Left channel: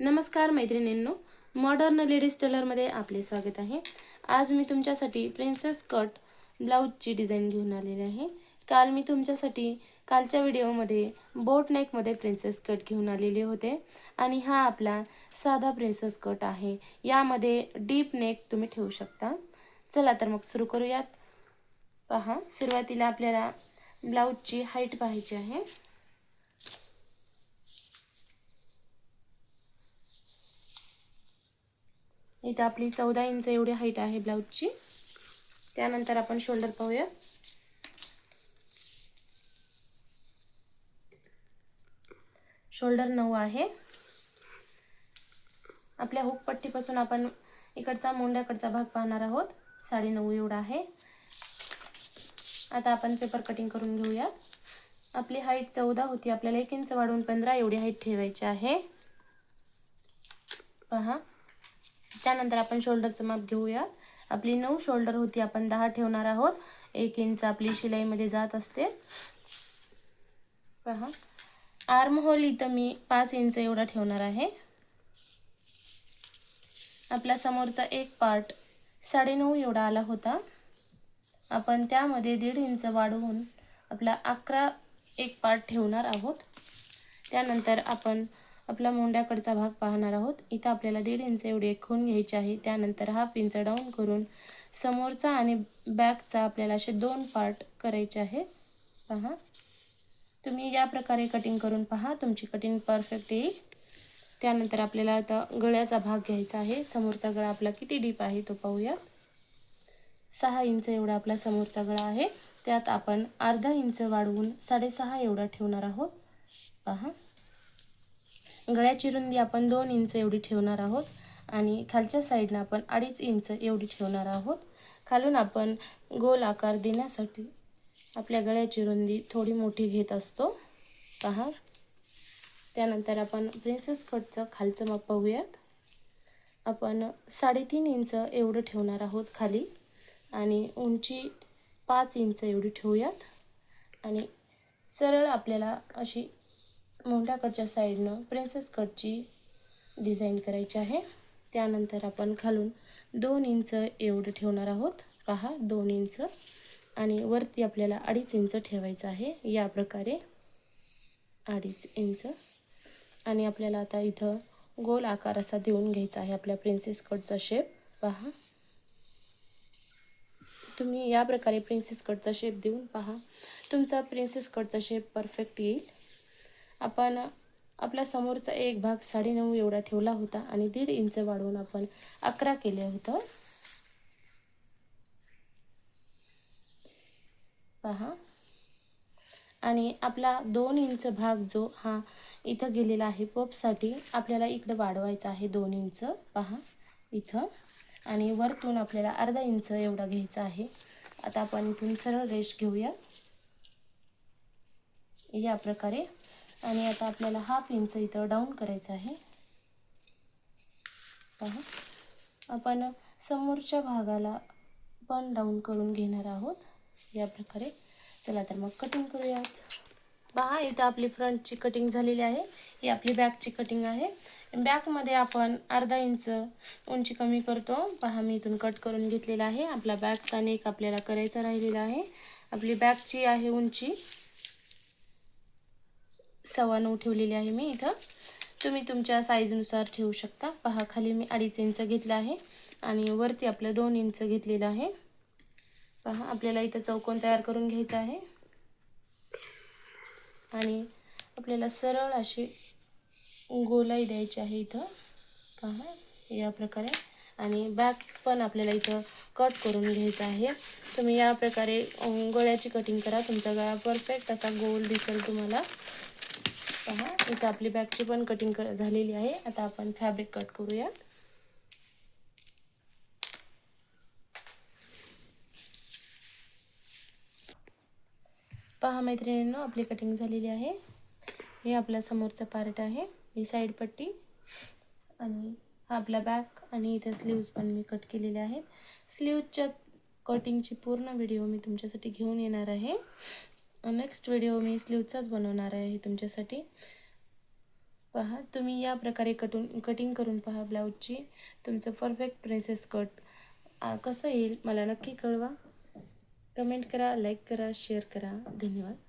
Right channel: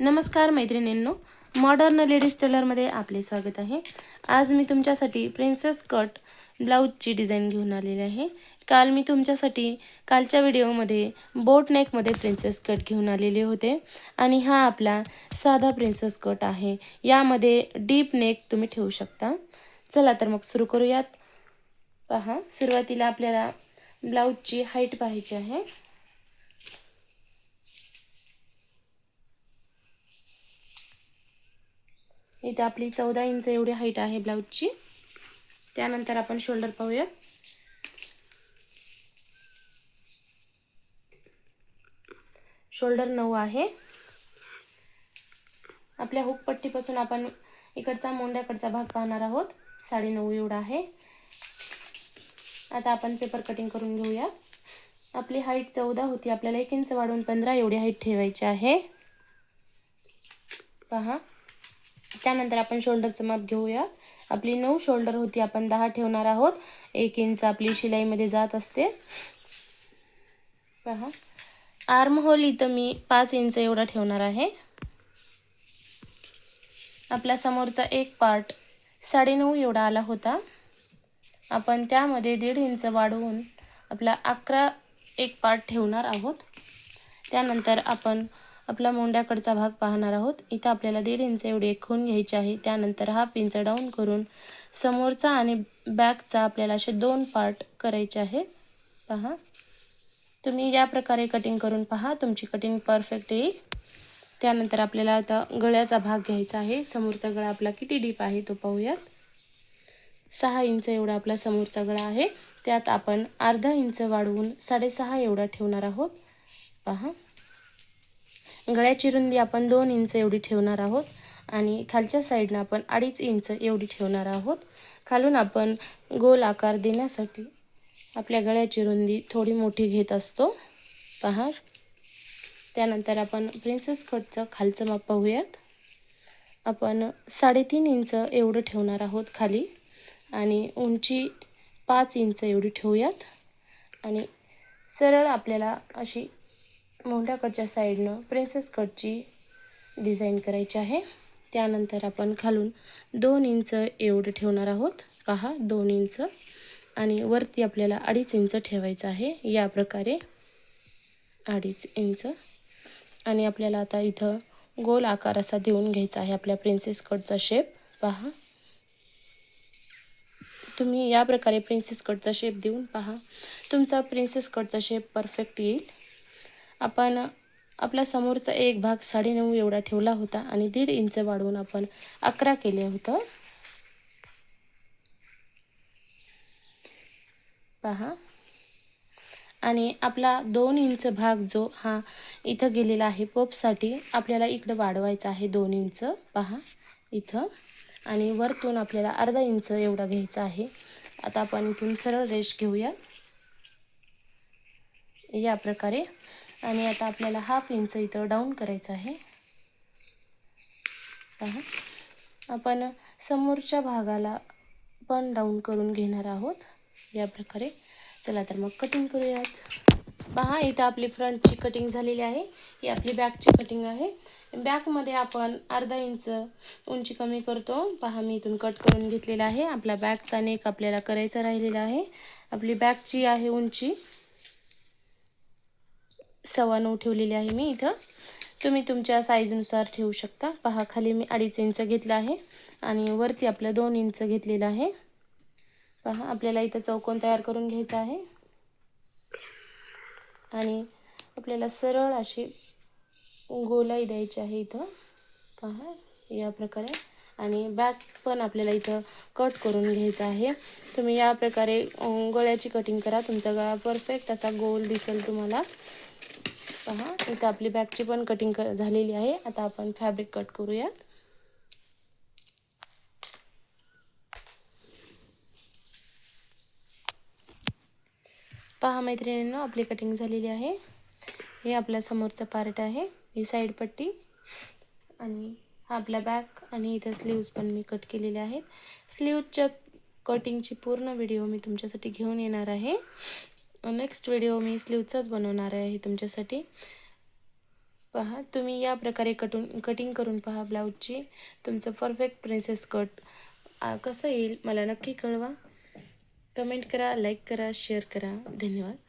नमस्कार मैत्रिणींनो, modern ladies टेलरमध्ये आपले स्वागत आहे। आज मी तुमच्यासाठी प्रिन्सेस कट ब्लाऊजची डिझाईन घेऊन आलेली आहे। काल मी तुमच्यासाठी कालच्या व्हिडिओमध्ये बोट नेकमध्ये प्रिन्सेस कट घेऊन आलेले होते आणि हा आपला साधा प्रिन्सेस कट आहे। यामध्ये डीप नेक तुम्ही ठेवू शकता। चला तर मग सुरू करूयात। पहा, सुरुवातीला आपल्याला ब्लाऊजची हाईट पाहायची आहे। इथे आपली 14 इंच एवढी हाईट आहे ब्लाऊजची। त्यानंतर आपण शोल्डर पाहूया। शोल्डर 9 आहे। आपल्या हुक पट्टीपासून आपण इकडचा मोंड्याकडचा भाग पाहणार आहोत। 9.5 एवढा आहे। आता आपण पेपर कटिंग करून घेऊया। आपली हाईट 14 होती, आपल्याला 1 इंच वाढवून 15 एवढी हाईट ठेवायची आहे। पहा, त्यानंतर आपण शोल्डरचं माप घेऊया। आपली 9 शोल्डर होती, आपण 10 ठेवणार आहोत। 1 इंच आपली शिलाईमध्ये जात असते। पहा, आर्म होल इथं मी 5 इंच एवढा ठेवणार आहे। आपला समोरचा एक पार्ट 9.5 एवढा आला होता, आपण त्यामध्ये 1.5 इंच वाढवून आपला 11 एक पार्ट ठेवणार आहोत। त्यानंतर आपण आपला मोंड्याकडचा भाग पाहणार आहोत। इथं आपल्याला 1.5 इंच एवढी एक खूण घ्यायची आहे। त्यानंतर 1/2 इंच डाऊन करून समोरचा आणि बॅकचा आपल्याला असे 2 पार्ट करायचे आहेत। पहा, तुम्ही या प्रकारे कटिंग करून पहा, तुमची कटिंग परफेक्ट येईल। त्यानंतर आपल्याला आता गळ्याचा भाग घ्यायचा आहे। समोरचा गळा आपला किती डीप आहे तो पाहूया। 6 इंच एवढा आपला समोरचा गळा आहे। त्यात आपण अर्धा इंच वाढवून 6.5 एवढा ठेवणार आहोत। पहा, गळ्याची रुंदी आपण 2 इंच एवढी ठेवणार आहोत आणि खालच्या साईडला आपण 2.5 इंच एवढी ठेवणार आहोत। खालून आपण गोल आकार देण्यासाठी आपल्या गळ्याची रुंदी थोडी मोठी घेत असतो। पहा, त्यानंतर आपण प्रिन्सेस कटचं खालचं माप पाहूयात। आपण 3.5 इंच एवढं ठेवणार आहोत खाली आणि उंची 5 इंच एवढी ठेवूयात आणि सरळ आपल्याला अशी मोंड्याकडच्या साईडनं प्रिन्सेस कटची डिझाईन करायची आहे। त्यानंतर आपण खालून 2 इंच एवढं ठेवणार आहोत। पहा, 2 इंच आणि वरती आपल्याला 2.5 इंच ठेवायचं आहे। या प्रकारे 2.5 इंच आणि आपल्याला आता इथं गोल आकार असा देऊन घ्यायचा आहे आपल्या प्रिन्सेस कटचा शेप। पहा, तुम्ही या प्रकारे प्रिन्सेस कटचा शेप देऊन पहा, तुमचा प्रिन्सेस कटचा शेप परफेक्ट येईल। आपण आपला समोरचा एक भाग 9.5 एवढा ठेवला होता आणि 1.5 इंच वाढवून आपण 11 केले होतं। पहा, आणि आपला 2 इंच भाग जो हा इथं गेलेला आहे पपसाठी, आपल्याला इकडे वाढवायचा आहे 2 इंच। पहा इथं, आणि वरतून आपल्याला अर्धा इंच एवढा घ्यायचा आहे। आता आपण इथून सरळ रेष घेऊया या प्रकारे आणि आता आपल्याला 1/2 इंच इथं डाऊन करायचं आहे। पहा, आपण समोरच्या भागाला पण डाऊन करून घेणार आहोत या प्रकारे। चला तर मग कटिंग करूयात। पहा, इथं आपली फ्रंटची कटिंग झालेली आहे। ही आपली बॅकची कटिंग आहे। बॅकमध्ये आपण अर्धा इंच उंची कमी करतो। पहा, मी इथून कट करून घेतलेला आहे। आपला बॅकचा नेक आपल्याला करायचा राहिलेला आहे। आपली बॅकची आहे उंची 9.25 ठेवलेली आहे मी इथं। तुम्ही तुमच्या साईजनुसार ठेवू शकता। पहा, खाली मी 2.5 इंच घेतला आहे आणि वरती आपलं 2 इंच घेतलेलं आहे। पहा, आपल्याला इथं चौकोन तयार करून घ्यायचा आहे आणि आपल्याला सरळ अशी गोलाई द्यायची आहे इथं। पहा, या प्रकारे, आणि बॅक पण आपल्याला इथं कट करून घ्यायचं आहे। तुम्ही या प्रकारे गळ्याची कटिंग करा, तुमचा गळा परफेक्ट असा गोल दिसेल तुम्हाला। पहा, इथं आपली बॅकची पण कटिंग झालेली आहे। आता आपण फॅब्रिक कट करूया। पहा मैत्रिणींनो, आपली कटिंग झालेली आहे। हे आपल्या समोरचा पार्ट आहे, ही साईड पट्टी, आणि हा आपला बॅक, आणि इथे स्लीव्ज पण मी कट केलेले आहेत। स्लीव्जच्या कटिंगची पूर्ण व्हिडिओ मी तुमच्यासाठी घेऊन येणार आहे। नेक्स्ट व्हिडिओ मी स्लीव्जचाच बनवणार आहे तुमच्यासाठी। पहा तुम्ही या प्रकारे कटिंग करून पहा ब्लाऊजची. तुमचं परफेक्ट प्रिन्सेस कट कसं येईल मला नक्की कळवा. कमेंट करा, लाईक करा, शेअर करा. धन्यवाद.